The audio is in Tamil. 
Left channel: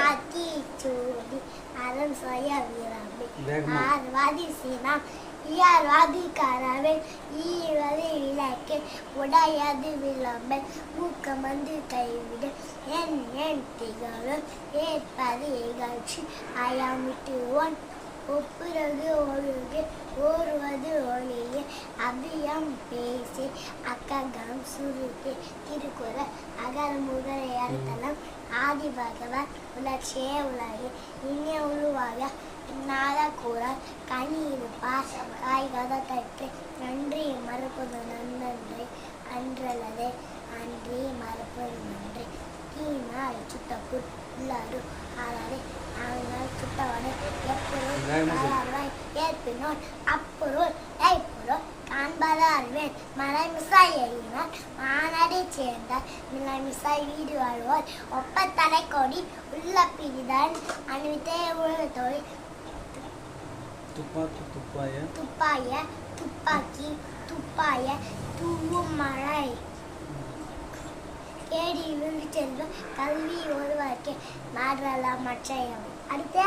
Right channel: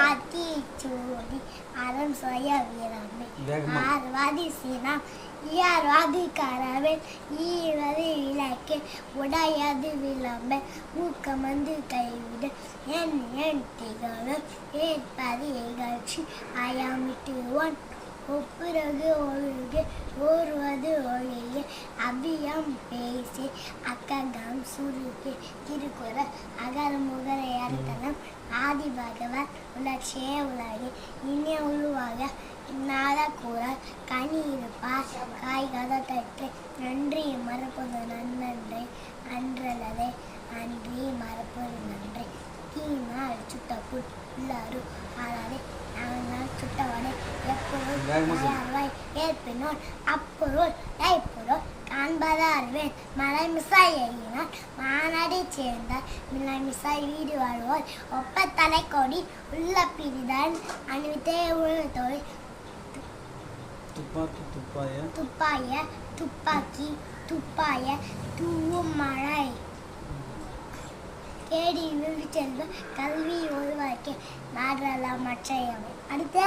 ஆத்திச்சூடி அரண் சொய வீராம்பே ஆர்வாதி சீனாம் இயார்வாதி காராவே ஈவது விளக்கே உடையாது விளம்பே ஊக்கமந்து கைவிட என் என் திகழும் ஏற்பது இகழ்ச்சி அயமிட்டு ஒன் ஒப்புறது ஒழுகு ஓர்வது ஒளிய அபியம் பேசி அக்ககம் சுருக்கு திருக்குறள் அகர முதல் ஏற்கலம் ஆதி பகவான் உலட்சிய உலகு இனிய உருவாக இந்நாள கூறார் கனி இருப்பார் காய்கத கற்று நன்றி மறப்பது நன்னன்றே அன்றலதே அன்றி மறப்பது நன்றே கீனால் சுட்டப்புல் உள்ளாரு ஆளாதே நாங்கள் சுட்டவனே எப்பொருள் ஏற்பினோன் அப்பொருள் கைப்பொருள் காண்பத அறிவேன் மலை மிசாய் எறியினார் மாநாடை சேர்ந்தார் மில்லை மிசாய் வீடு வாழ்வோர் ஒப்ப தலைக்கோடி உள்ள பிரிதான் அணிவித்தே உலகத்தோடு துப்பாய துப்பாக்கி துப்பாய தூவும் மழை தேடி விழுந்து செல்வ கல்வி ஒருவருக்கு நாடலாம் மற்றையவை அடுத்த